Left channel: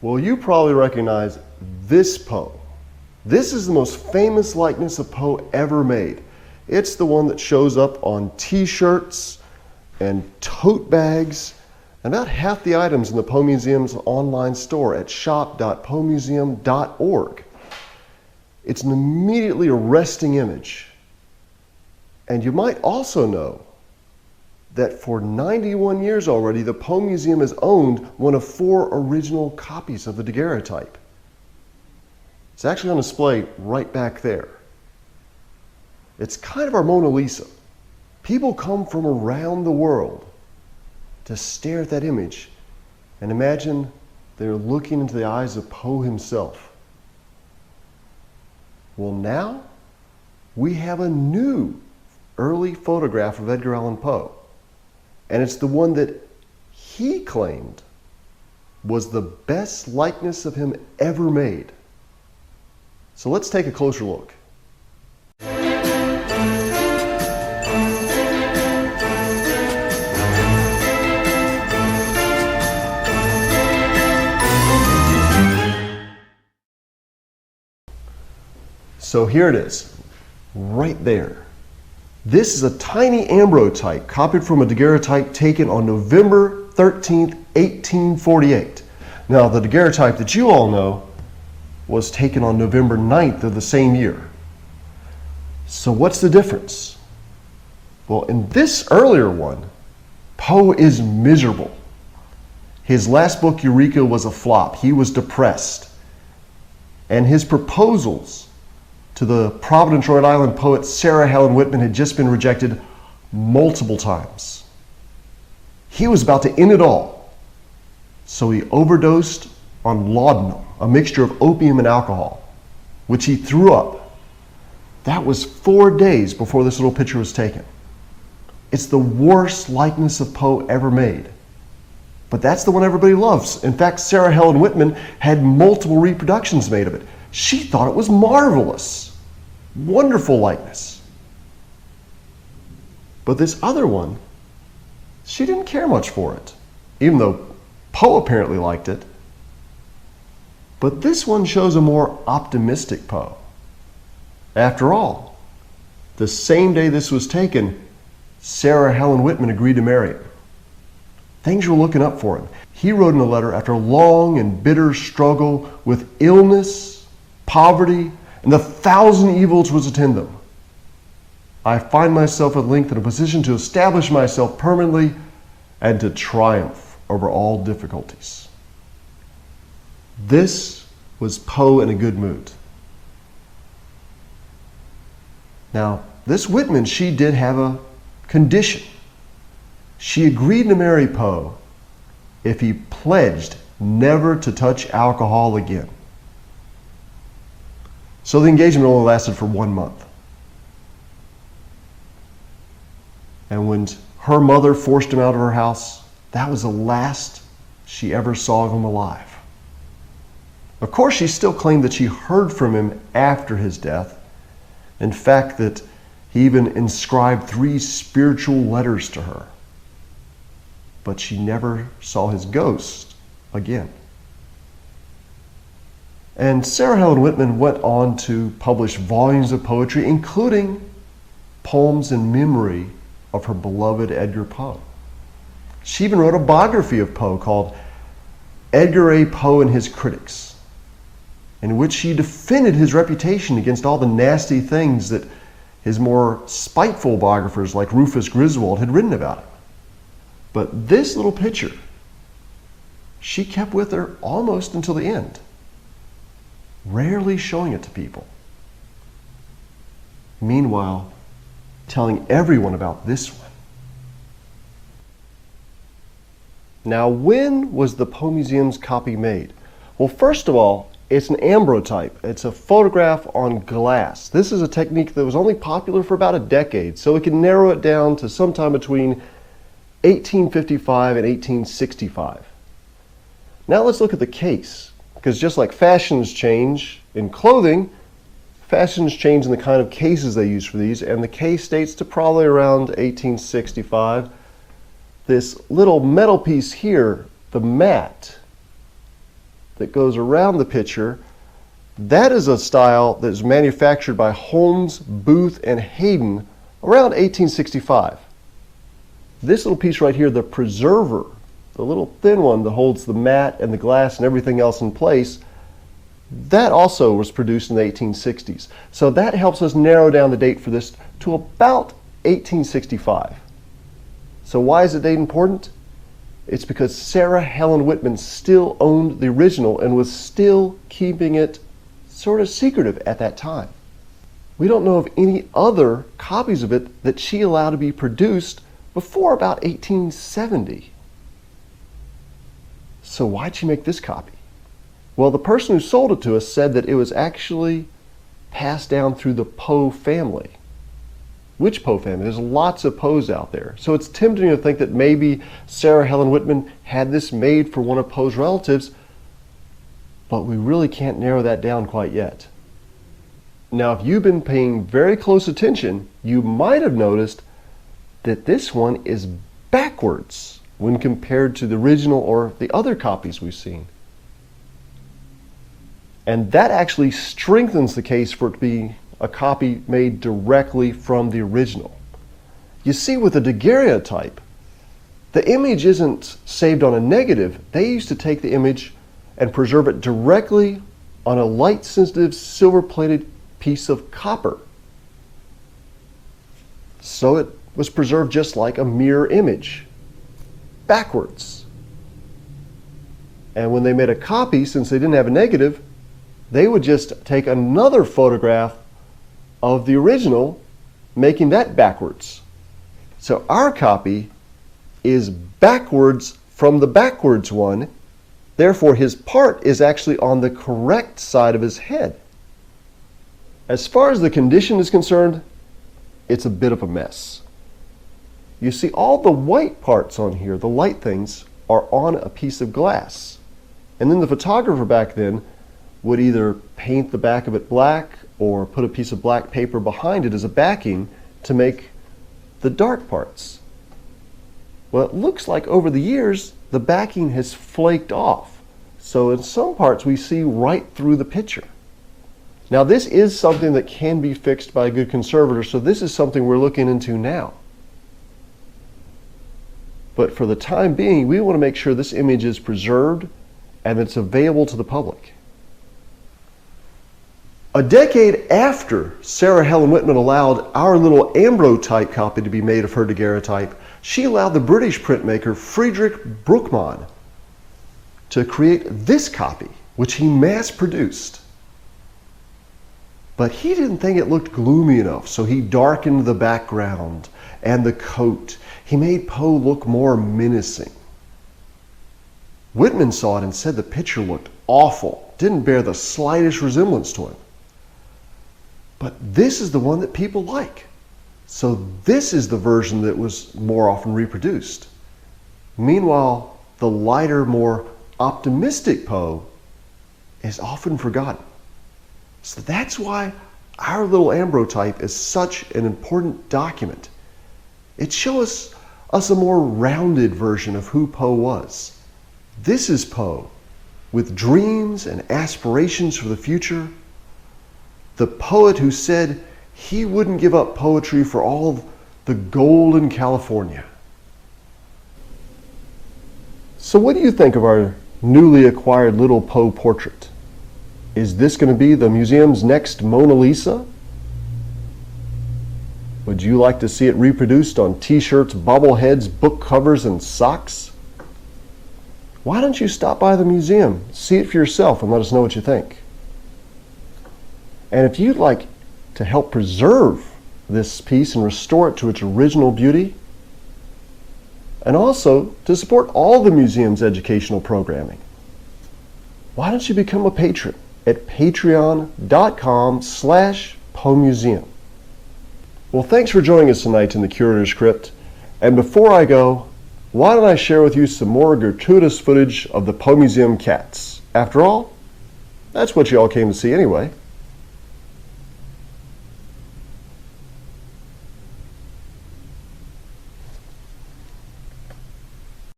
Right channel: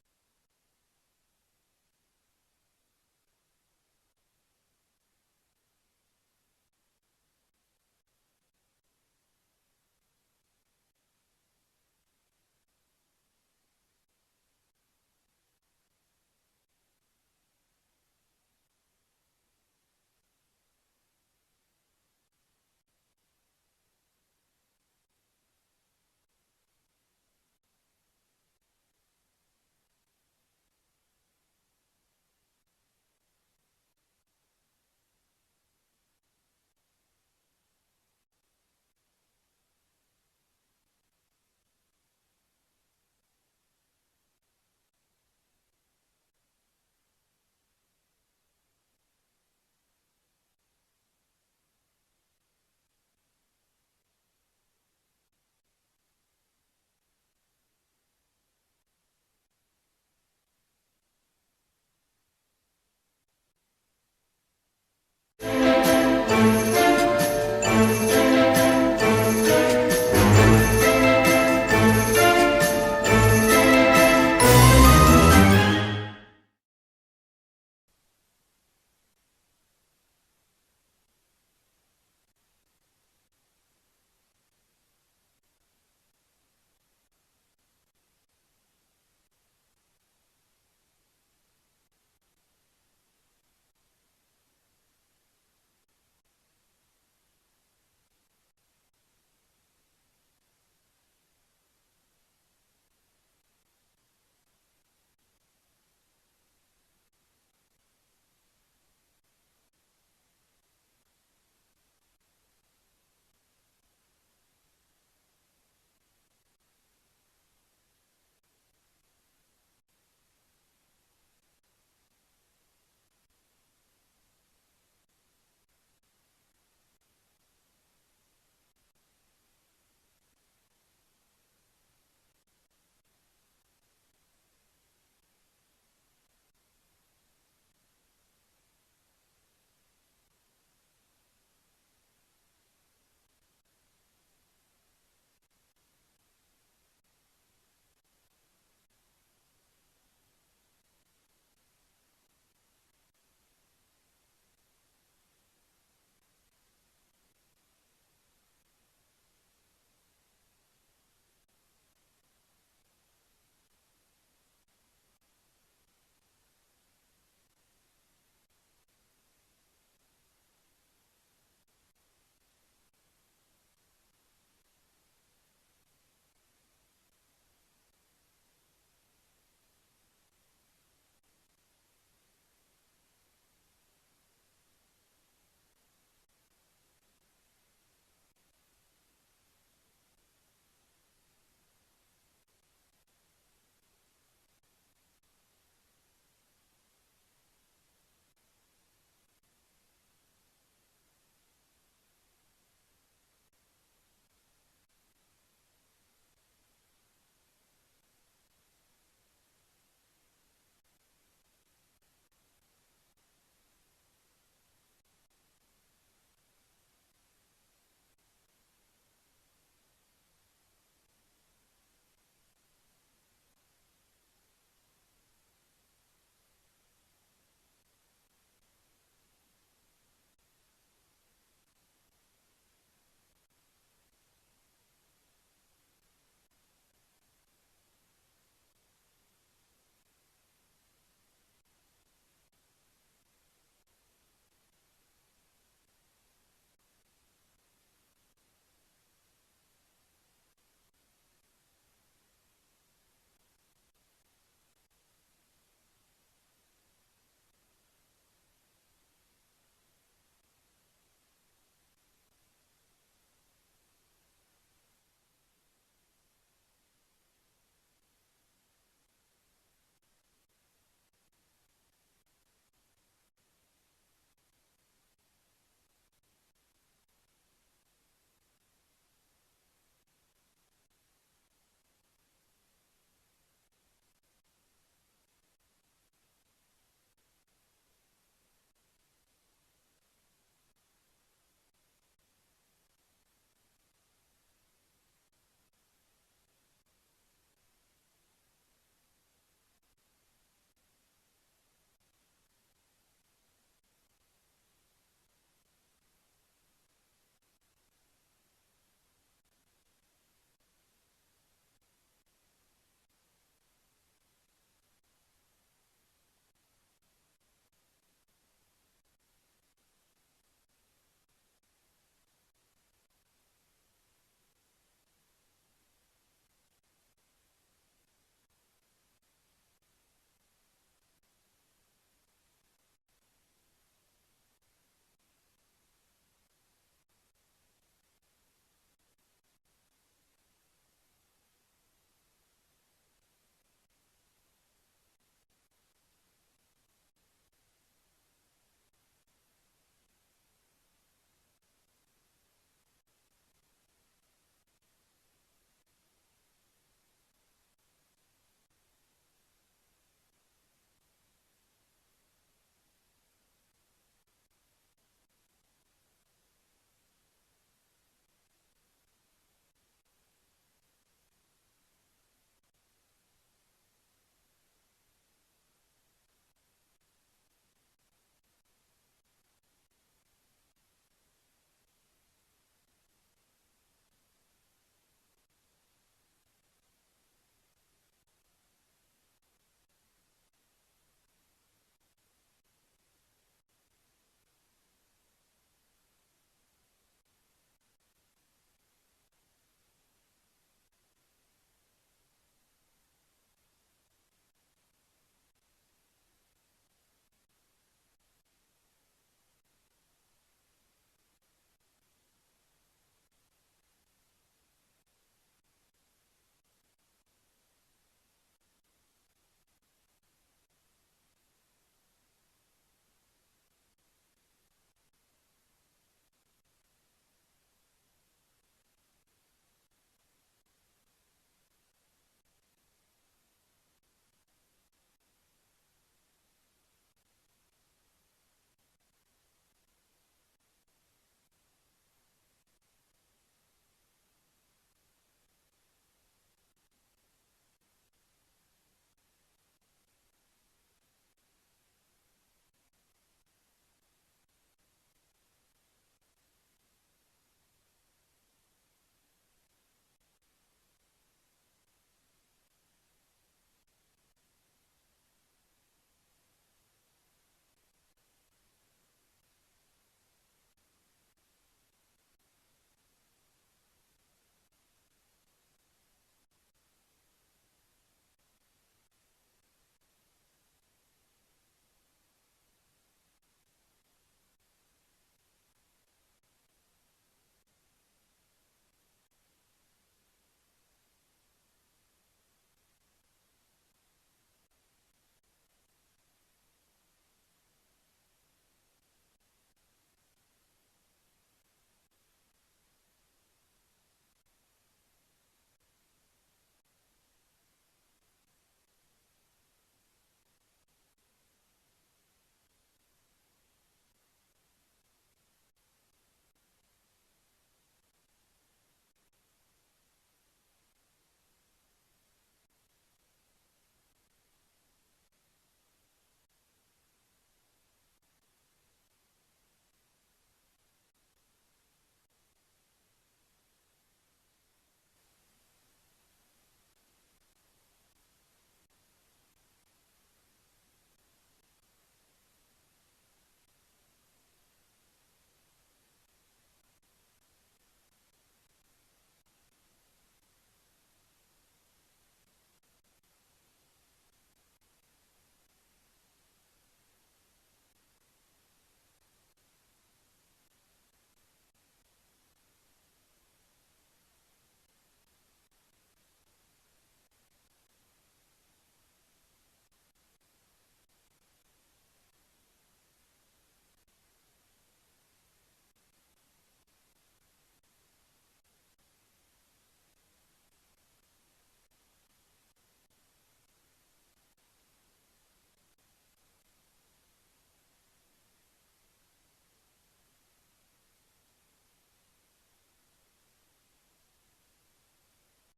Well, you probably recognize this Poe. This is the most famous likeness of Poe ever made. It's the one that shows up on t-shirts and tote bags, and about half the items in the Poe Museum's online store at shop.poemuseum.org. It's an immediately arresting image. And you might also know that for 91 years already, the Poe Museum has owned one of 4 original copies of the daguerreotype. It's actually on display right back there. It's kind of our Mona Lisa. People come from around the world to stare at that image and imagine they're looking into the eyes of Poe himself. Well, now we have a new early photograph of Edgar Allan Poe. And it's the one that he claimed was the best likeness of him ever made. So let's take a closer look. So here it is, right there. This is a tiny ambrotype copied from a daguerreotype taken on November 13th, 1848. Now, the daguerreotype that you all know was taken on November 9th of the same year. So what's the difference? Well, in this earlier one, Poe is miserable. His last book, Eureka, was a flop. He was depressed. And his proposals to the Providence, Rhode Island poet Sarah Helen Whitman had just been rejected multiple times. He was about to end it all, so he overdosed on laudanum, a mixture of opium and alcohol, which he threw up. That was 4 days before this little picture was taken. It's the worst likeness of Poe ever made, but that's the one everybody loves. In fact, Sarah Helen Whitman had multiple reproductions made of it. She thought it was marvelous. Wonderful likeness. But this other one, she didn't care much for it, even though Poe apparently liked it. But this one shows a more optimistic Poe. After all, the same day this was taken, Sarah Helen Whitman agreed to marry him. Things were looking up for him. He wrote in a letter after a long and bitter struggle with illness, poverty, and the 1,000 evils which attend them. I find myself at length in a position to establish myself permanently and to triumph over all difficulties. This was Poe in a good mood. Now, this Whitman, she did have a condition. She agreed to marry Poe if he pledged never to touch alcohol again. So the engagement only lasted for 1 month. And when her mother forced him out of her house, that was the last she ever saw of him alive. Of course, she still claimed that she heard from him after his death. In fact, that he even inscribed 3 spiritual letters to her. But she never saw his ghost again. And Sarah Helen Whitman went on to publish volumes of poetry, including poems in memory of her beloved Edgar Poe. She even wrote a biography of Poe called Edgar A. Poe and His Critics, in which she defended his reputation against all the nasty things that his more spiteful biographers like Rufus Griswold had written about him. But this little picture, she kept with her almost until the end, rarely showing it to people. Meanwhile, telling everyone about this one. Now, when was the Poe Museum's copy made? Well, first of all, it's an ambrotype. It's a photograph on glass. This is a technique that was only popular for about a decade, so we can narrow it down to sometime between 1855 and 1865. Now let's look at the case, because just like fashions change in clothing, fashions change in the kind of cases they use for these, and the case dates to probably around 1865. This little metal piece here, the mat, that goes around the picture, that is a style that is manufactured by Holmes, Booth, and Hayden around 1865. This little piece right here, the preserver, the little thin one that holds the mat and the glass and everything else in place, that also was produced in the 1860s. So that helps us narrow down the date for this to about 1865. So why is the date important? It's because Sarah Helen Whitman still owned the original and was still keeping it sort of secretive at that time. We don't know of any other copies of it that she allowed to be produced before about 1870. So why'd she make this copy? Well, the person who sold it to us said that it was actually passed down through the Poe family. Which Poe family? There's lots of Poes out there. So it's tempting to think that maybe Sarah Helen Whitman had this made for one of Poe's relatives, but we really can't narrow that down quite yet. Now, if you've been paying very close attention, you might have noticed that this one is backwards when compared to the original or the other copies we've seen. And that actually strengthens the case for it to be a copy made directly from the original. You see, with the daguerreotype, the image isn't saved on a negative. They used to take the image and preserve it directly on a light-sensitive silver-plated piece of copper. So it was preserved just like a mirror image, backwards. And when they made a copy, since they didn't have a negative, they would just take another photograph of the original, making that backwards. So our copy is backwards from the backwards one. Therefore, his part is actually on the correct side of his head. As far as the condition is concerned, it's a bit of a mess. You see, all the white parts on here, the light things, are on a piece of glass. And then the photographer back then would either paint the back of it black or put a piece of black paper behind it as a backing to make the dark parts. Well, it looks like over the years, the backing has flaked off. So in some parts, we see right through the picture. Now, this is something that can be fixed by a good conservator, so this is something we're looking into now. But for the time being, we want to make sure this image is preserved and it's available to the public. A decade after Sarah Helen Whitman allowed our little ambrotype copy to be made of her daguerreotype, she allowed the British printmaker Friedrich Bruckmann to create this copy, which he mass-produced. But he didn't think it looked gloomy enough, so he darkened the background and the coat. He made Poe look more menacing. Whitman saw it and said the picture looked awful, didn't bear the slightest resemblance to him. But this is the one that people like. So this is the version that was more often reproduced. Meanwhile, the lighter, more optimistic Poe is often forgotten. So that's why our little ambrotype is such an important document. It shows us a more rounded version of who Poe was. This is Poe, with dreams and aspirations for the future. The poet who said he wouldn't give up poetry for all the gold in California. So what do you think of our newly acquired little Poe portrait? Is this going to be the museum's next Mona Lisa? Would you like to see it reproduced on t-shirts, bobbleheads, book covers, and socks? Why don't you stop by the museum, see it for yourself, and let us know what you think? And if you'd like to help preserve this piece and restore it to its original beauty, and also to support all the museum's educational programming, why don't you become a patron at patreon.com/Poe Museum. Well, thanks for joining us tonight in the Curator's Crypt. And before I go, why don't I share with you some more gratuitous footage of the Poe Museum cats? After all, that's what you all came to see anyway.